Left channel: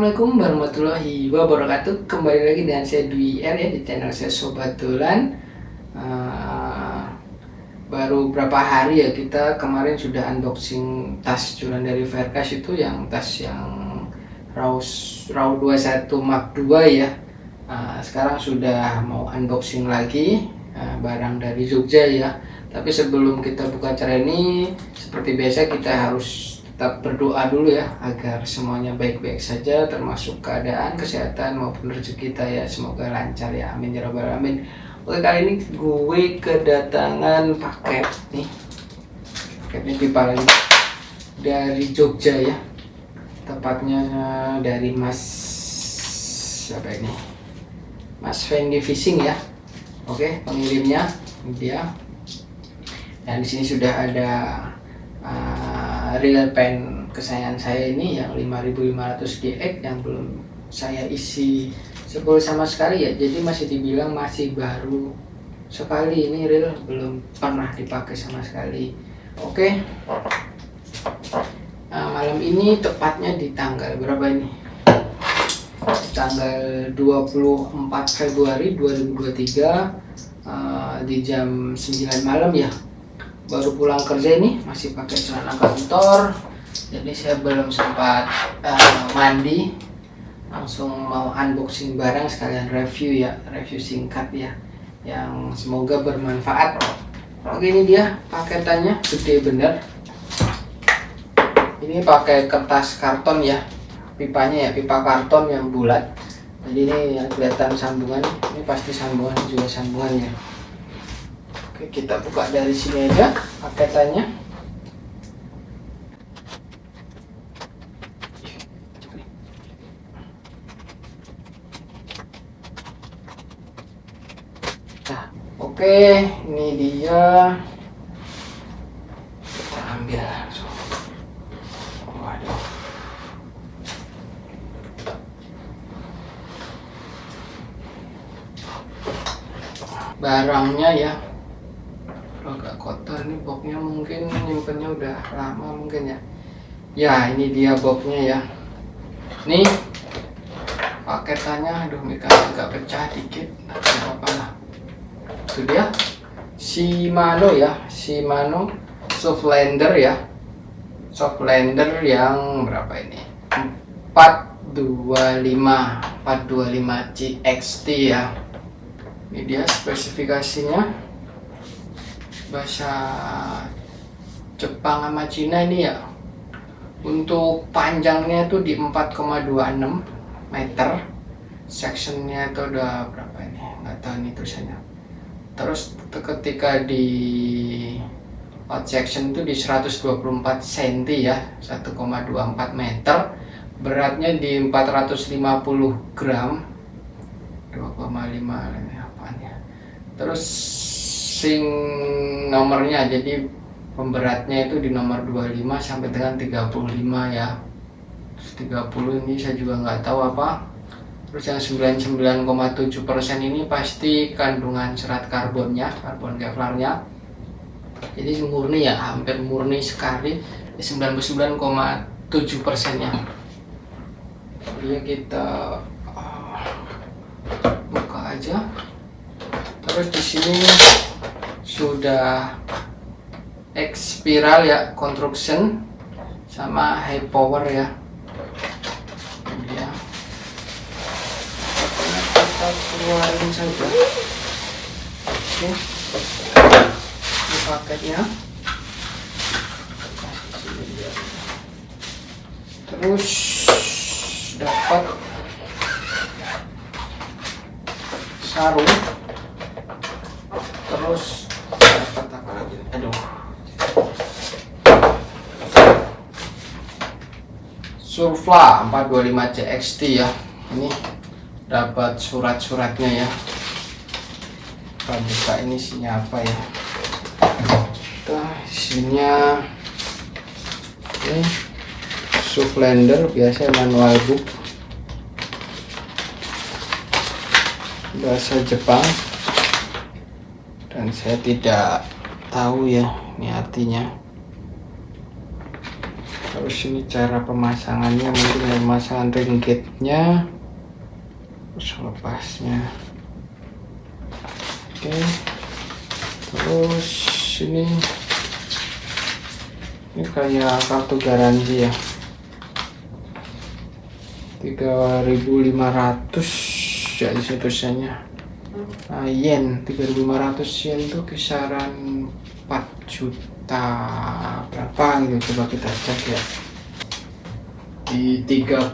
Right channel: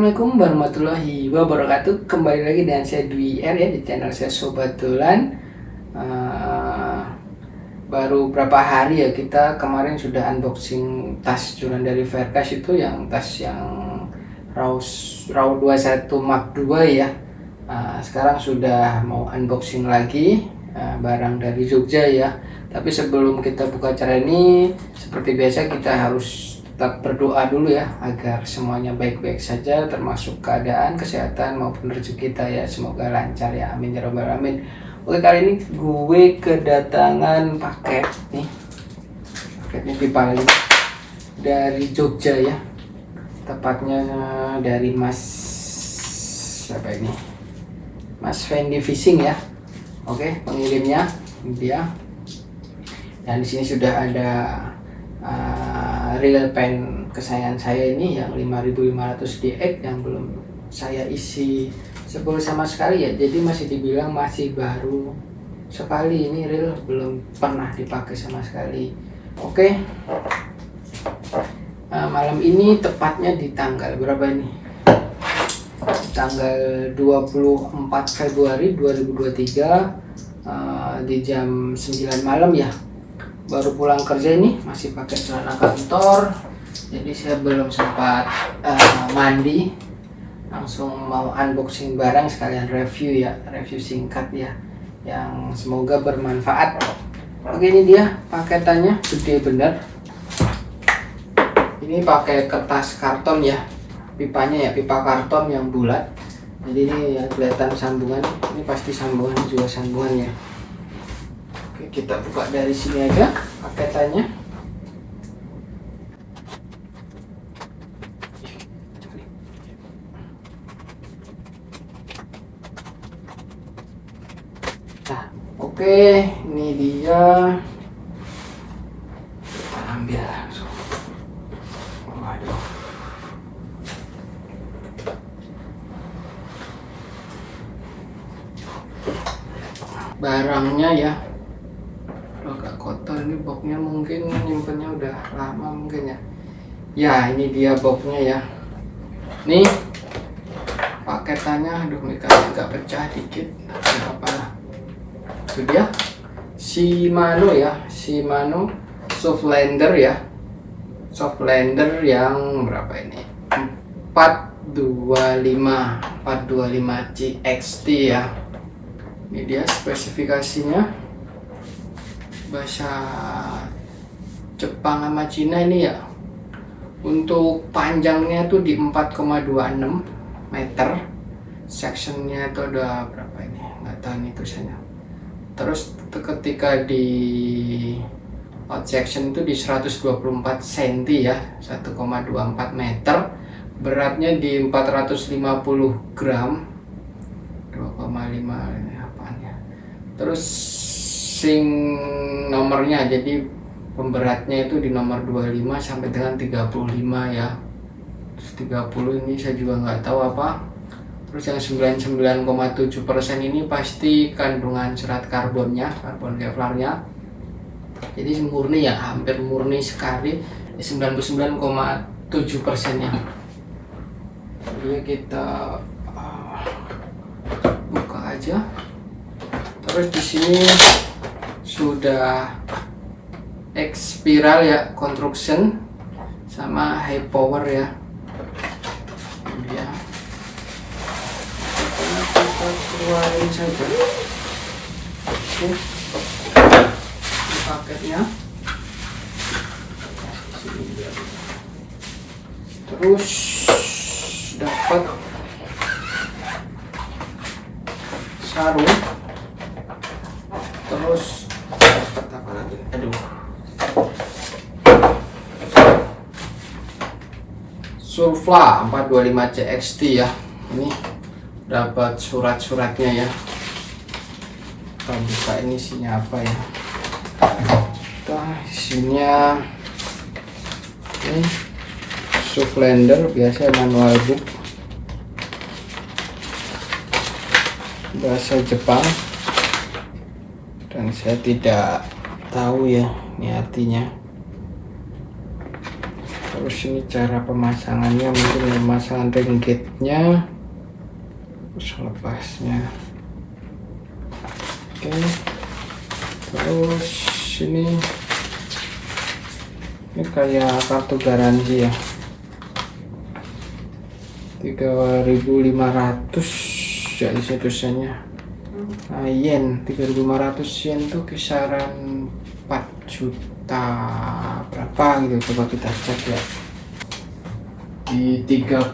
Assalamualaikum warahmatullahi wabarakatuh. Kembali lagi dengan saya Dwi R ya di channel saya Sobat Dolan. Baru berapa hari ya, kita kemarin sudah unboxing tas Juran dari Verkas itu, yang tas yang RAW 21 Mark II ya. Sekarang sudah mau unboxing lagi barang dari Jogja ya. Tapi sebelum kita buka acara ini, seperti biasa kita harus tetap berdoa dulu ya, agar semuanya baik-baik saja, termasuk keadaan, kesehatan maupun rezeki kita ya, semoga lancar ya, amin ya rabbal alamin. Oke, kali ini gue kedatangan paket nih, paketnya pipa lagi dari Jogja ya, tepatnya dari Mas siapa ini, Mas Fendi Fishing ya. Oke, pengirimnya dia, dan di sini sudah ada real pen kesayangan saya ini yang 5500 DX yang belum saya isi sepul sama sekali ya, jadi masih dibilang masih baru sekali, ini real belum pernah dipakai sama sekali. Oke, malam ini tepatnya di tanggal berapa ini, tanggal 24 Februari 2023 di jam 9 malam ya, baru pulang kerja ini, masih pakai celana kantor, jadi saya belum sempat mandi, langsung mau unboxing barang sekalian review ya, review singkat ya, yang semoga bermanfaat. Oke, ini dia paketannya, gede bener, ini pakai kertas karton ya, pipanya ya, pipa karton yang bulat, jadi ini yang kelihatan sambungan, ini pasti sambungan, juga sambungannya. Oke, kita buka dari sini aja paketannya. Nah, oke, ini dia. Kita ambil langsung. Waduh. Barangnya ya agak kotor, ini boxnya mungkin nyimpennya udah lama mungkin ya. Ya, ini dia boxnya ya. Nih paketannya, aduh mikanya agak pecah dikit, nggak apa-apa lah. Itu dia Shimano ya, Shimano Softlander ya, Softlander yang berapa ini, 425 CXT ya. Ini dia spesifikasinya, bahasa Jepang sama Cina ini ya. Untuk panjangnya itu di 4,26 meter, sectionnya itu ada berapa ini, nggak tahu ini tulisannya. Terus ketika di out section itu di 124 cm ya, 1,24 meter, beratnya di 450 gram, 2,5 ini apaan ya. Terus nomornya, jadi pemberatnya itu di nomor 25 sampai dengan 35 ya. Terus 30 ini saya juga nggak tahu apa. Terus yang 99,7% ini pasti kandungan serat karbonnya, karbon kevlarnya, jadi murni ya, hampir murni sekali, 99,7% ya. Jadi kita buka aja. Terus di sini sudah X-Spiral ya, construction sama high power ya. Ini dia. Kita keluarin saja. Oke. Ini paketnya. Terus dapat sarung. Terus dapat apa lagi? Aduh. Surfla 425 CXT ya. Ini dapat surat-suratnya ya. Kita buka, ini isinya apa ya? Isinya ini Softlander biasa, manual book bahasa Jepang, dan saya tidak tahu ya ini artinya. Kita Terus ini cara pemasangannya, mungkin ya, pemasangan ring gate-nya, terus lepasnya. Oke, terus ini kayak kartu garansi ya, 3.500 ya isi tulisannya. Yen 3.500 yen tuh kisaran 4 juta berapa gitu, coba kita cek ya, di 3,9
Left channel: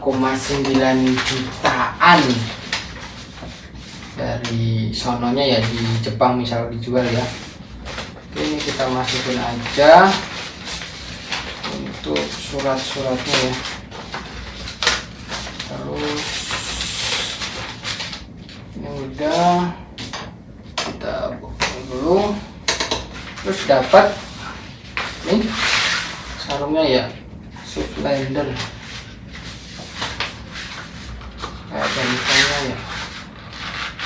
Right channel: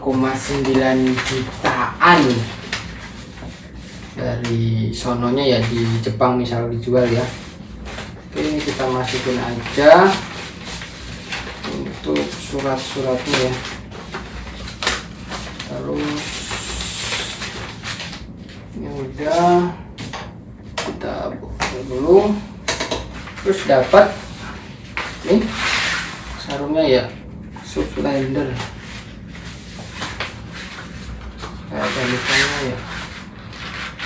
jutaan dari sononya ya, di Jepang misal dijual ya. Oke, ini kita masukin aja untuk surat-suratnya ya. Terus ini udah kita buka dulu. Terus dapat nih sarungnya ya, Soufflander kayak tulisannya ya.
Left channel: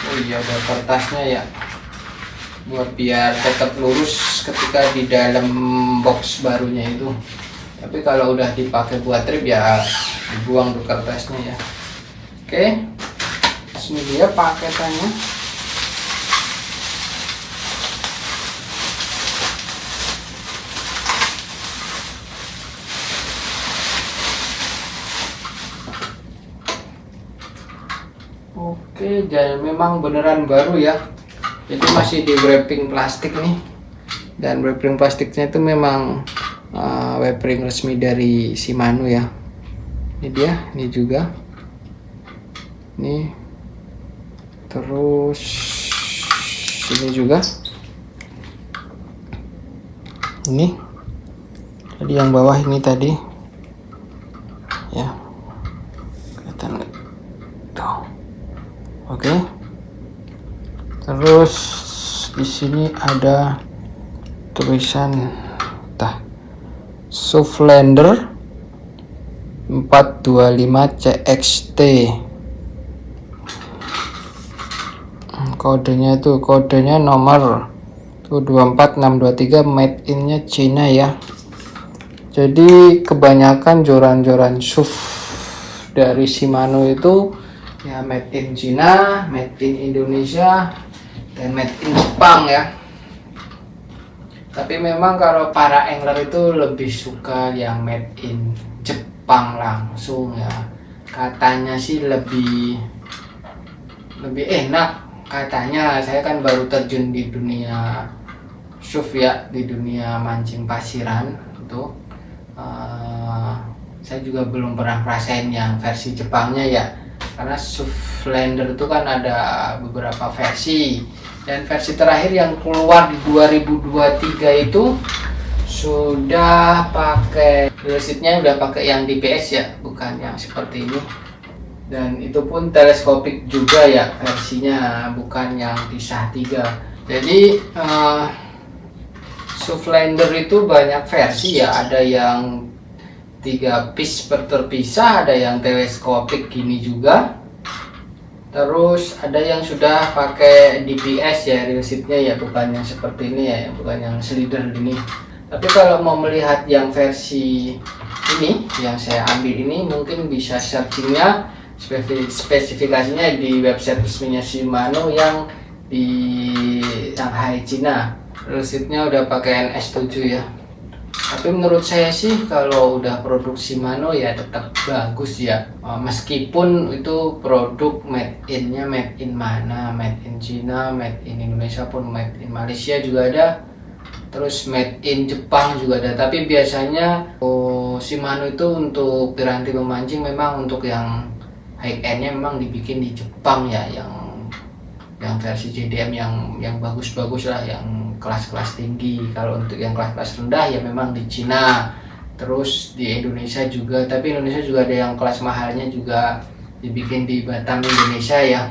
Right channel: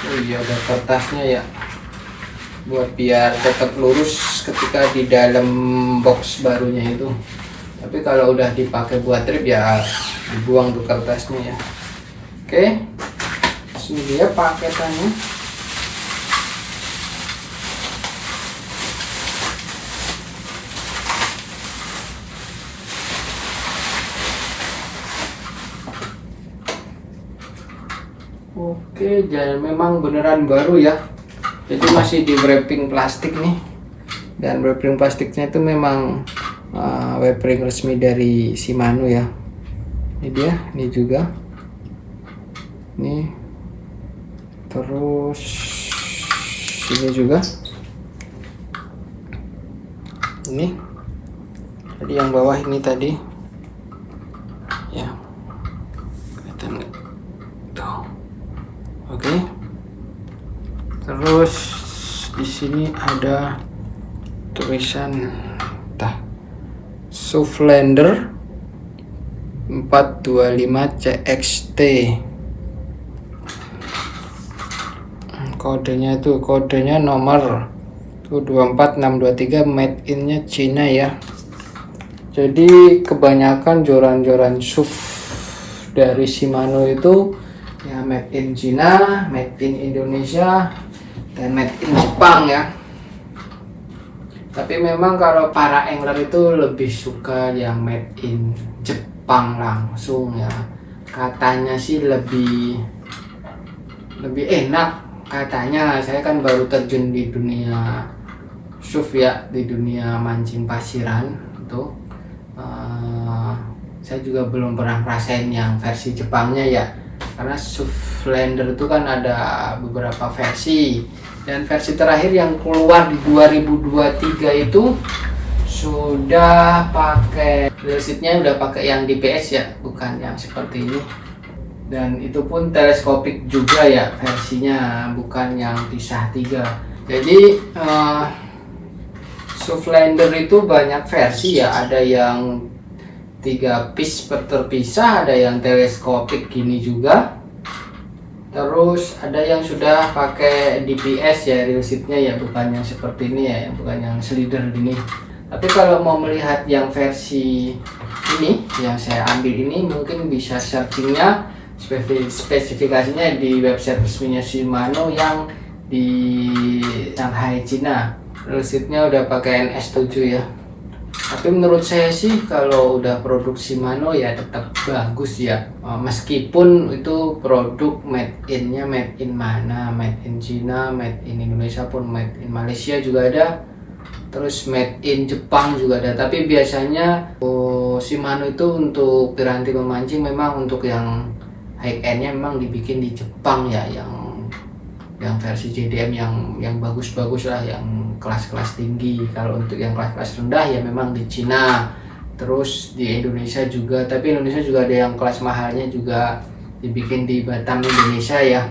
Oh iya, ada kertasnya ya, buat biar tetap lurus ketika di dalam box barunya itu. Tapi kalau udah dipakai buat trip ya dibuang tuh kertasnya ya. Oke, ini dia paketannya. Oke, dan memang beneran baru ya, jadi masih di wrapping plastik nih, dan wrapping plastiknya itu memang wrapping resmi dari Shimano ya. Ini dia, ini juga, ini terus ini juga, ini jadi yang bawah ini tadi ya, kelihatan tuh. Oke, terus di sini ada tulisan Soufflander 425 CXT. Kodenya itu, kodenya nomor 24623, made in-nya Cina ya. Jadi kebanyakan joran-joran SUV dari Shimano itu ya made in Cina, made in Indonesia, dan made in Jepang ya. Tapi memang kalau para angler itu lebih suka yang made in Jepang langsung ya. Katanya sih lebih enak katanya. Saya kan baru terjun di dunia SUV ya, di dunia mancing pasiran itu. Saya juga belum pernah ngerasain yang versi Jepangnya ya, karena Soufflander itu kan ada beberapa versi, dan versi terakhir yang keluar di 2023 itu sudah pakai seatnya, udah pakai yang DPS ya, bukan yang seperti ini, dan itu pun teleskopik juga ya versinya, bukan yang pisah 3. Jadi Soufflander itu banyak versi ya, ada yang 3 piece terpisah, ada yang teleskopik gini juga, terus ada yang sudah pakai DPS ya, real seatnya ya, bukan yang seperti ini ya, bukan yang slider gini. Tapi kalau mau melihat yang versi ini yang saya ambil ini, mungkin bisa searchingnya spesifikasinya di website resminya Shimano yang di Shanghai, Cina. Real seatnya udah pakai NS7 ya. Tapi menurut saya sih kalau udah produk Shimano ya tetap bagus ya, meskipun itu produk made in-nya made in mana, made in China, made in Indonesia pun, made in Malaysia juga ada, terus made in Jepang juga ada. Tapi biasanya Shimano itu untuk piranti memancing memang untuk yang high end-nya memang dibikin di Jepang ya, yang versi JDM yang bagus-bagus lah, yang kelas-kelas tinggi. Kalau untuk yang kelas-kelas rendah ya memang di Cina, terus di Indonesia juga, tapi Indonesia juga ada yang kelas mahalnya juga dibikin di Batam, Indonesia ya,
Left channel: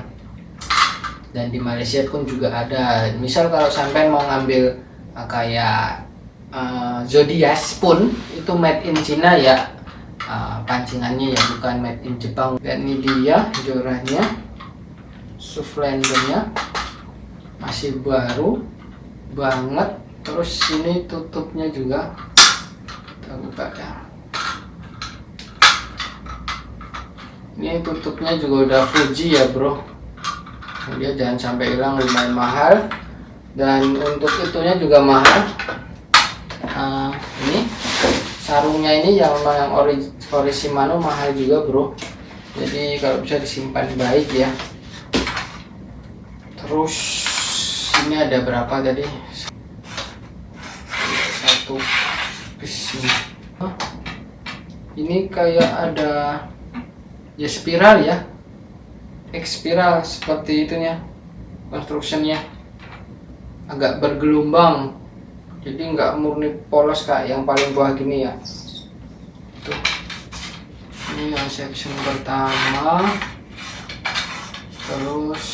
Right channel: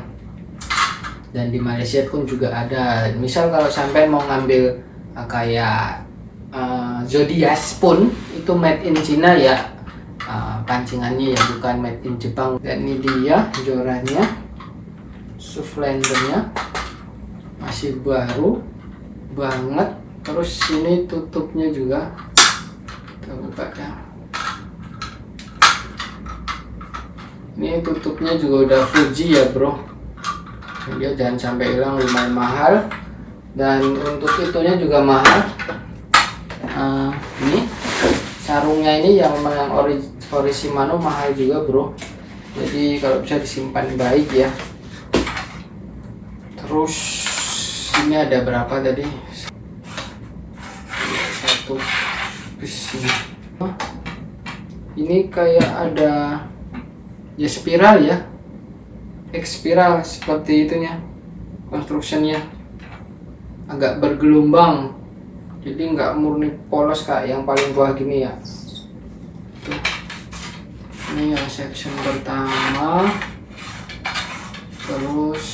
dan di Malaysia pun juga ada. Misal kalau sampai mau ngambil kayak Zodiac pun itu made in Cina ya, pancingannya ya, bukan made in Jepang. Dan ini dia jorannya, Soufflandernya masih baru banget. Terus ini tutupnya juga kita buka ya, Ini tutupnya juga udah Fuji ya bro, dia jangan sampai hilang, lumayan mahal. Dan untuk itunya juga mahal. Ini sarungnya ini yang ori Shimano mahal juga bro, jadi kalau bisa disimpan baik ya. Terus ini ada berapa tadi, satu piece ini kayak ada ya spiral ya, X spiral seperti itunya, constructionnya agak bergelombang, jadi nggak murni polos kayak yang paling bawah gini ya. Tuh. Ini yang section pertama, terus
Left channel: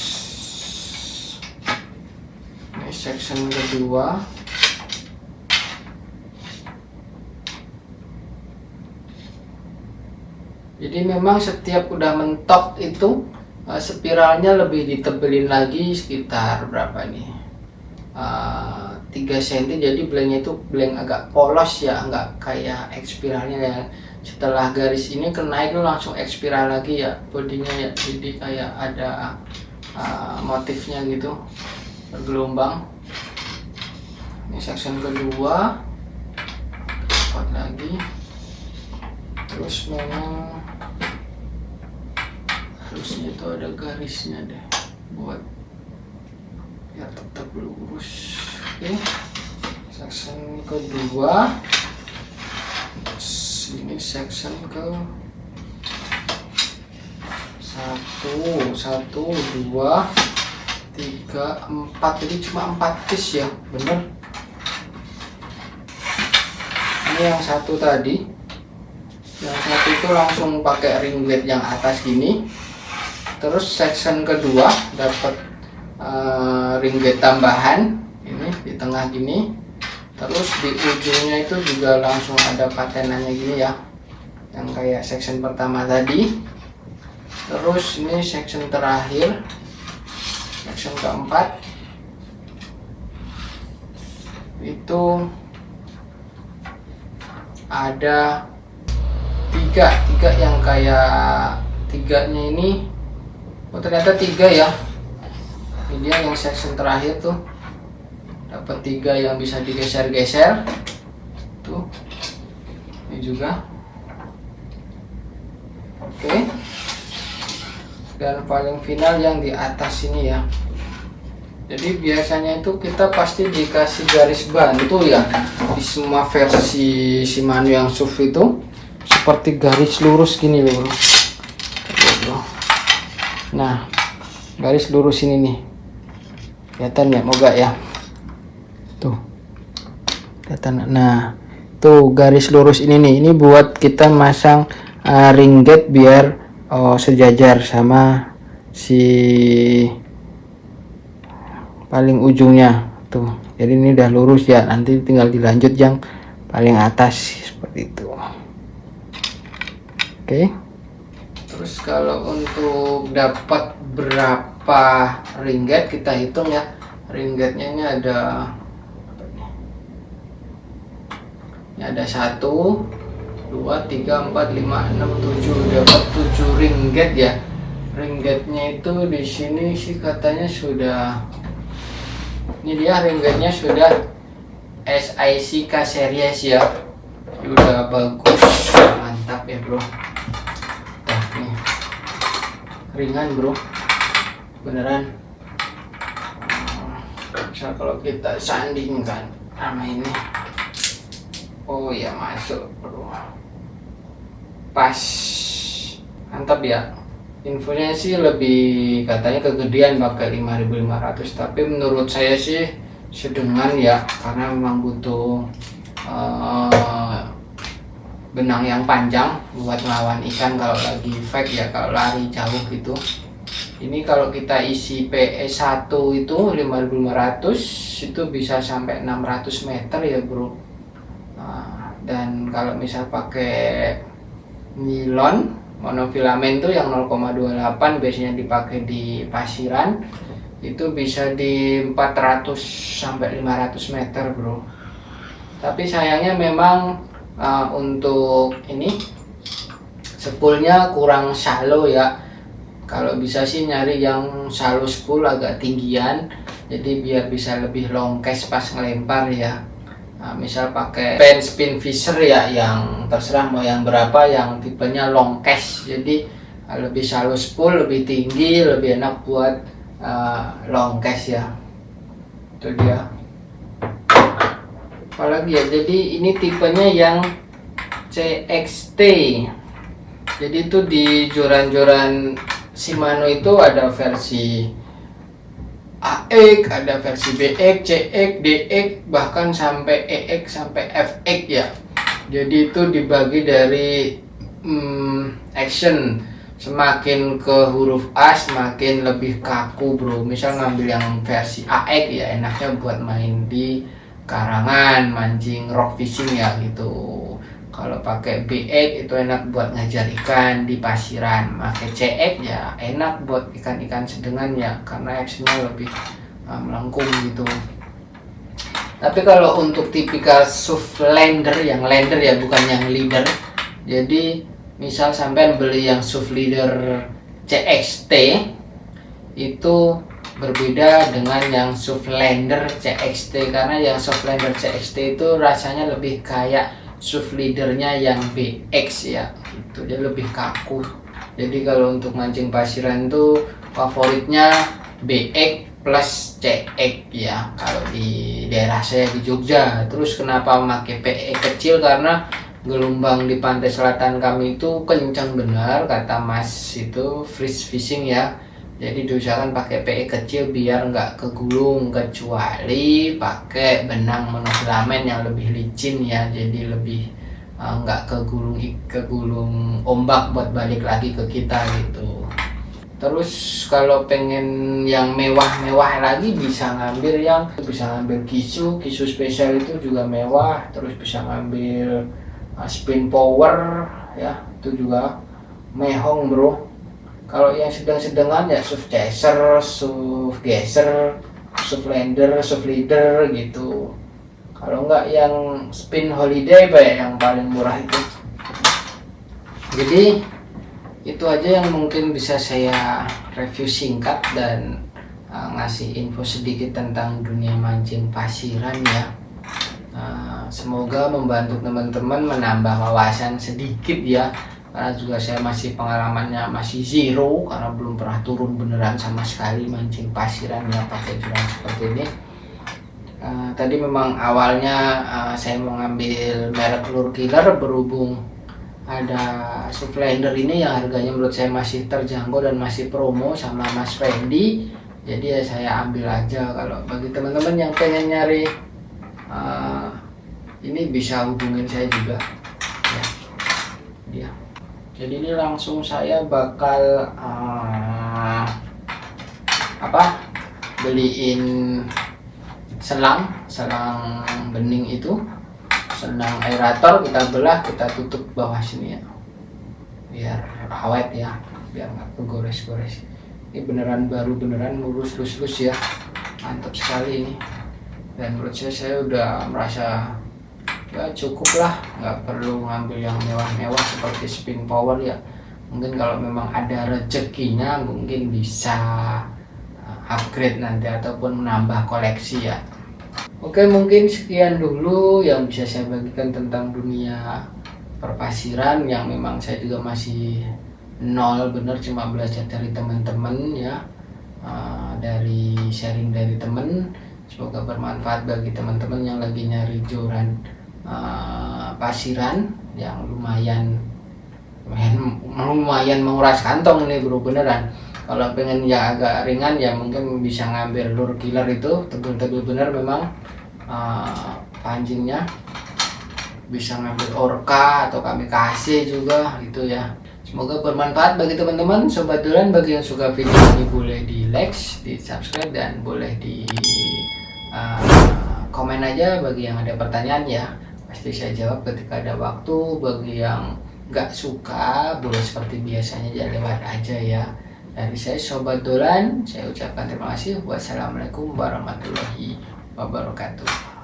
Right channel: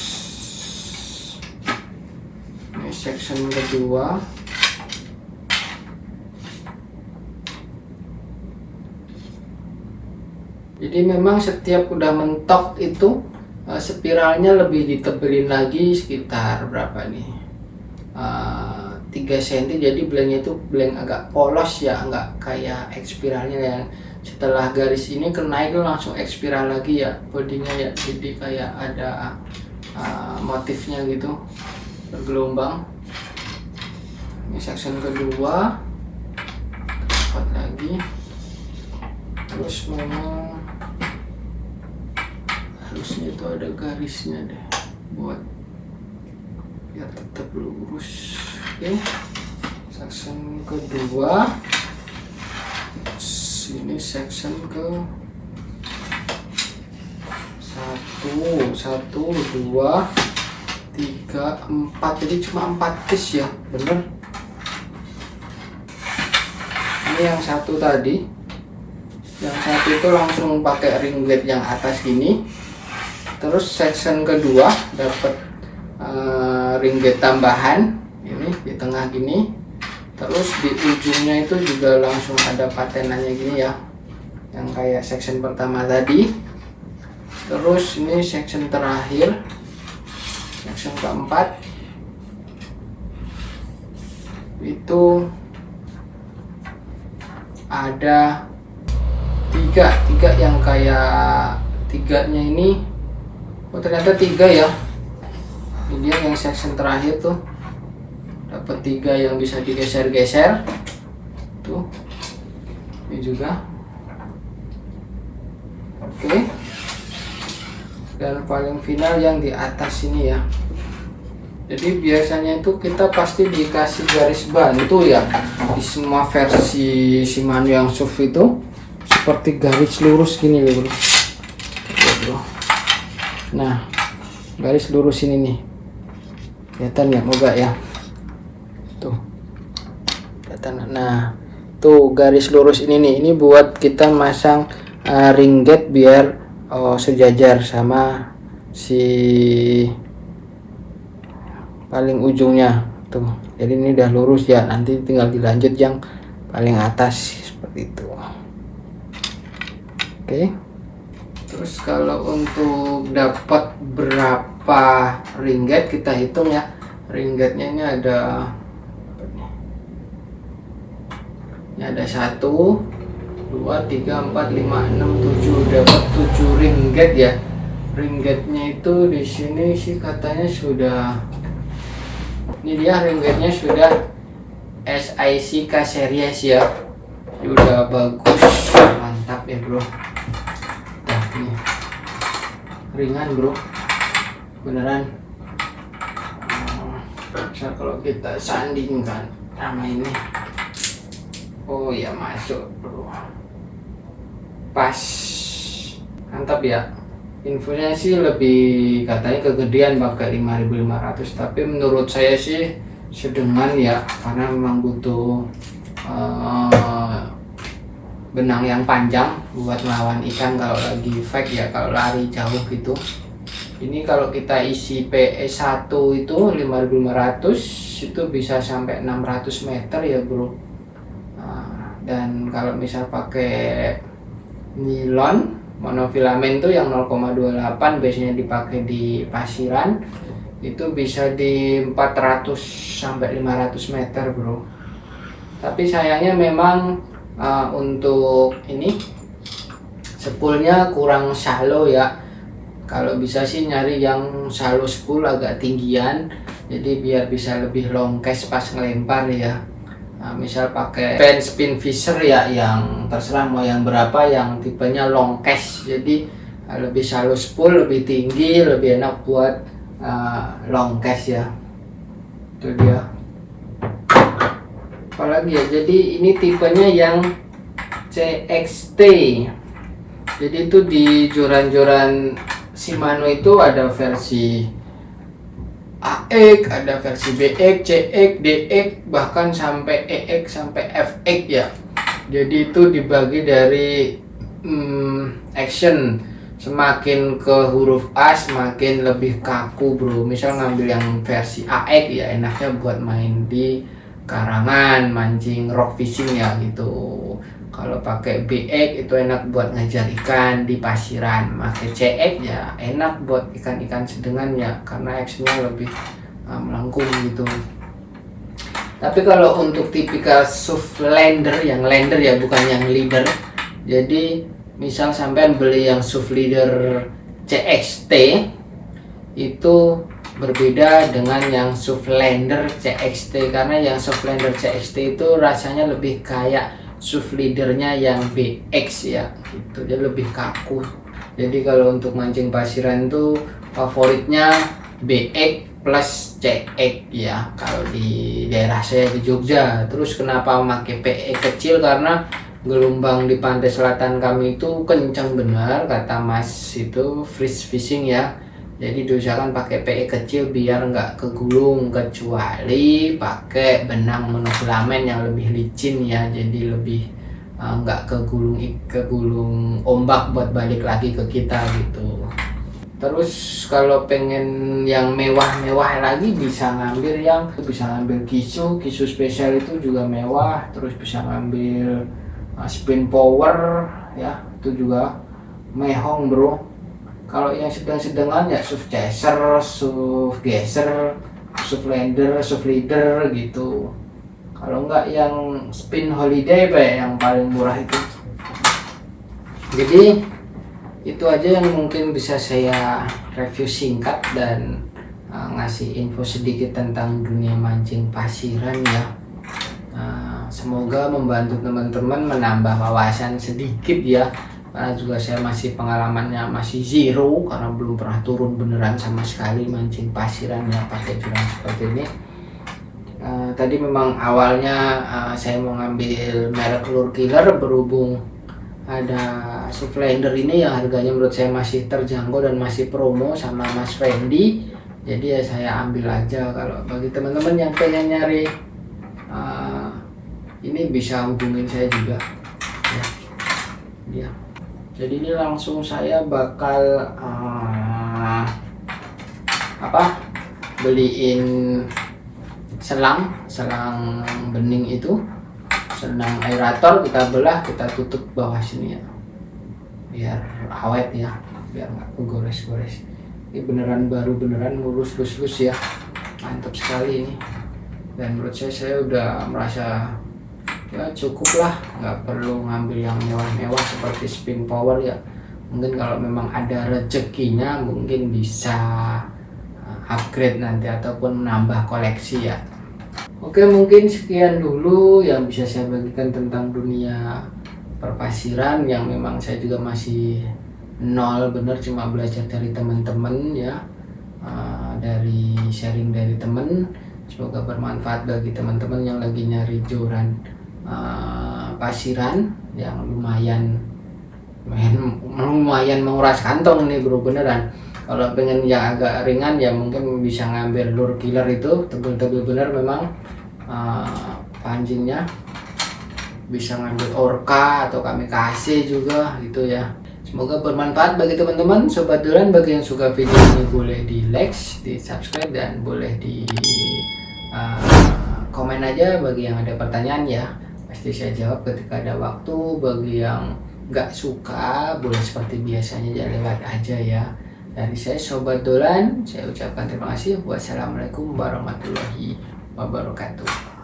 ini section kedua, jadi memang setiap udah mentok itu spiralnya lebih ditebelin lagi sekitar berapa nih, 3 cm, jadi blanknya itu blank agak polos ya, nggak kayak X spiralnya yang setelah garis ini kenaik itu langsung X spiral lagi ya bodinya ya, jadi kayak ada motifnya gitu bergelombang. Ini section kedua, lipat lagi, terus memang harusnya itu ada garisnya deh buat biar tetap lurus. Oke, section kedua, ini section ke 1, 2, 3, 4, jadi cuma 4 piece ya, bener. Ini yang satu tadi, yang satu itu langsung pakai ringlet yang atas gini. Terus section kedua dapat ringlet tambahan ini di tengah gini, terus di ujungnya itu juga langsung ada patenannya gini ya, yang kayak section pertama tadi. Terus ini section terakhir, section keempat, itu ada tiga yang kayak tiganya ini, oh ternyata 3 ya. Ini dia yang section terakhir tuh, dapat 3 yang bisa digeser-geser tuh, ini juga. Oke, dan paling final yang di atas ini ya. Jadi biasanya itu kita pasti dikasih garis bantu ya di semua versi Shimano yang SUV itu, seperti garis lurus gini loh. Nah, garis lurus ini nih, kelihatan ya, moga ya, tuh kelihatan. Nah, tuh garis lurus ini nih, ini buat kita masang ringget biar sejajar sama si paling ujungnya tuh. Jadi ini udah lurus ya, nanti tinggal dilanjut yang paling atas seperti itu. Oke. Terus kalau untuk dapat berapa ringget kita hitung ya. Ringgetnya ini ada apa nih? Ini ada 1, 2, 3, 4, 5, 6, 7, dapat 7 ringget ya. Ringgetnya itu di sini sih katanya sudah, ini dia ringgetnya sudah SIC K series ya. Ini udah bagus, mantap ya bro. Nah, nih ringan bro, beneran. Bisa kalau kita sandingkan sama ini, oh ya masuk bro, pas, mantap ya. Infonya sih lebih katanya kegedean pakai 5500, tapi menurut saya sih sedengan ya, karena memang butuh benang yang panjang buat melawan ikan kalau lagi fake ya, kalau lari jauh gitu. Ini kalau kita isi PS1 itu 5500 itu bisa sampai 600 meter ya bro. Dan kalau misal pakai nilon monofilamen tuh yang 0,28 biasanya dipakai di pasiran, itu bisa di 400 sampai 500 meter bro. Tapi sayangnya memang untuk ini Spoolnya kurang shallow ya. Kalau bisa sih nyari yang shallow spool agak tinggian, jadi biar bisa lebih long cast pas ngelempar ya. Nah, misal pakai pen spin fisher ya, yang terserah mau yang berapa, yang tipenya long cast. Jadi lebih shallow spool, lebih tinggi, lebih enak buat long cast ya. Itu dia. Apalagi ya, jadi ini tipenya yang CXT. Jadi itu di joran-joran Shimano itu ada versi AX, ada versi BX, CX, DX, bahkan sampai EX sampai FX ya. Jadi itu dibagi dari action. Semakin ke huruf A semakin lebih kaku bro. Misal ngambil yang versi AX ya, enaknya buat main di karangan, mancing rock fishing ya gitu. Kalau pakai BX itu enak buat ngajar ikan di pasiran. Pakai CX ya enak buat ikan-ikan sedengan ya, karena actionnya lebih melengkung gitu. Tapi kalau untuk tipikal SUV lander, yang lander ya bukan yang leader. Jadi misal sampean beli yang SUV leader CXT itu berbeda dengan yang SUV lander CXT, karena yang SUV lander CXT itu rasanya lebih kayak SUV leadernya yang BX ya gitu, dia lebih kaku. Jadi kalau untuk mancing pasiran tuh favoritnya BX plus CX ya kalau di daerah saya di Jogja. Terus kenapa memakai PE kecil, karena gelombang di pantai selatan kami itu kencang benar kata Mas itu freeze fishing ya. Jadi diusahakan pakai PE kecil biar nggak kegulung, kecuali pakai benang monofilament yang lebih licin ya, jadi lebih nggak kegulung ombak buat balik lagi ke kita gitu. Terus kalau pengen yang mewah-mewah lagi bisa ngambil kisu spesial itu juga mewah. Terus bisa ngambil spin power ya, itu juga mehong bro. Kalau yang sedang-sedangan ya SUV chaser, SUV geser, SUV lander, SUV leader gitu. Kalau enggak yang spin holiday Pak, yang paling murah itu. Jadi itu aja yang mungkin bisa saya review singkat dan ngasih info sedikit tentang dunia mancing pasiran ya. Semoga membantu teman-teman menambah wawasan sedikit ya, karena juga saya masih pengalamannya masih zero karena belum pernah turun beneran sama sekali mancing pasiran ya pakai joran seperti ini. Tadi memang awalnya saya mau ngambil merek Lure Killer, berhubung ada SUV lander ini yang harganya menurut saya masih terjangkau dan masih promo sama Mas Fendi, jadi ya saya ambil aja. Kalau bagi teman-teman yang pengen nyari ini bisa hubungin saya juga ya. Jadi ini langsung saya bakal beliin selang bening itu, selang aerator, kita belah, kita tutup bawah sini ya biar awet ya, biar nggak kegores-gores. Ini beneran baru, beneran lurus ya, mantap sekali ini. Dan menurut saya udah merasa ya cukup lah, nggak perlu ngambil yang mewah-mewah seperti spin power ya. Mungkin kalau memang ada rezekinya mungkin bisa upgrade nanti ataupun menambah koleksi ya. Oke, mungkin sekian dulu yang bisa saya bagikan tentang dunia perpasiran, yang memang saya juga masih nol bener, cuma belajar dari teman-teman ya, dari sharing dari temen. Semoga bermanfaat bagi teman-teman yang lagi nyari joran pasiran yang lumayan menguras kantong nih bro, beneran. Kalau pengen yang agak ringan ya mungkin bisa ngambil Lure Killer, itu tebel-tebel bener memang pancingnya. Bisa ngambil Orca atau Kamikaze juga gitu ya. Semoga bermanfaat bagi teman-teman. Sobat Duran, bagi yang suka video ini boleh di like, di subscribe, dan boleh di komen aja bagi yang ada pertanyaan ya. Pasti saya jawab ketika ada waktu. Bagi yang nggak suka boleh seperti biasanya jangan lewat aja ya. Dari saya Sobat Dolan, saya ucapkan terima kasih. Wassalamualaikum warahmatullahi wabarakatuh.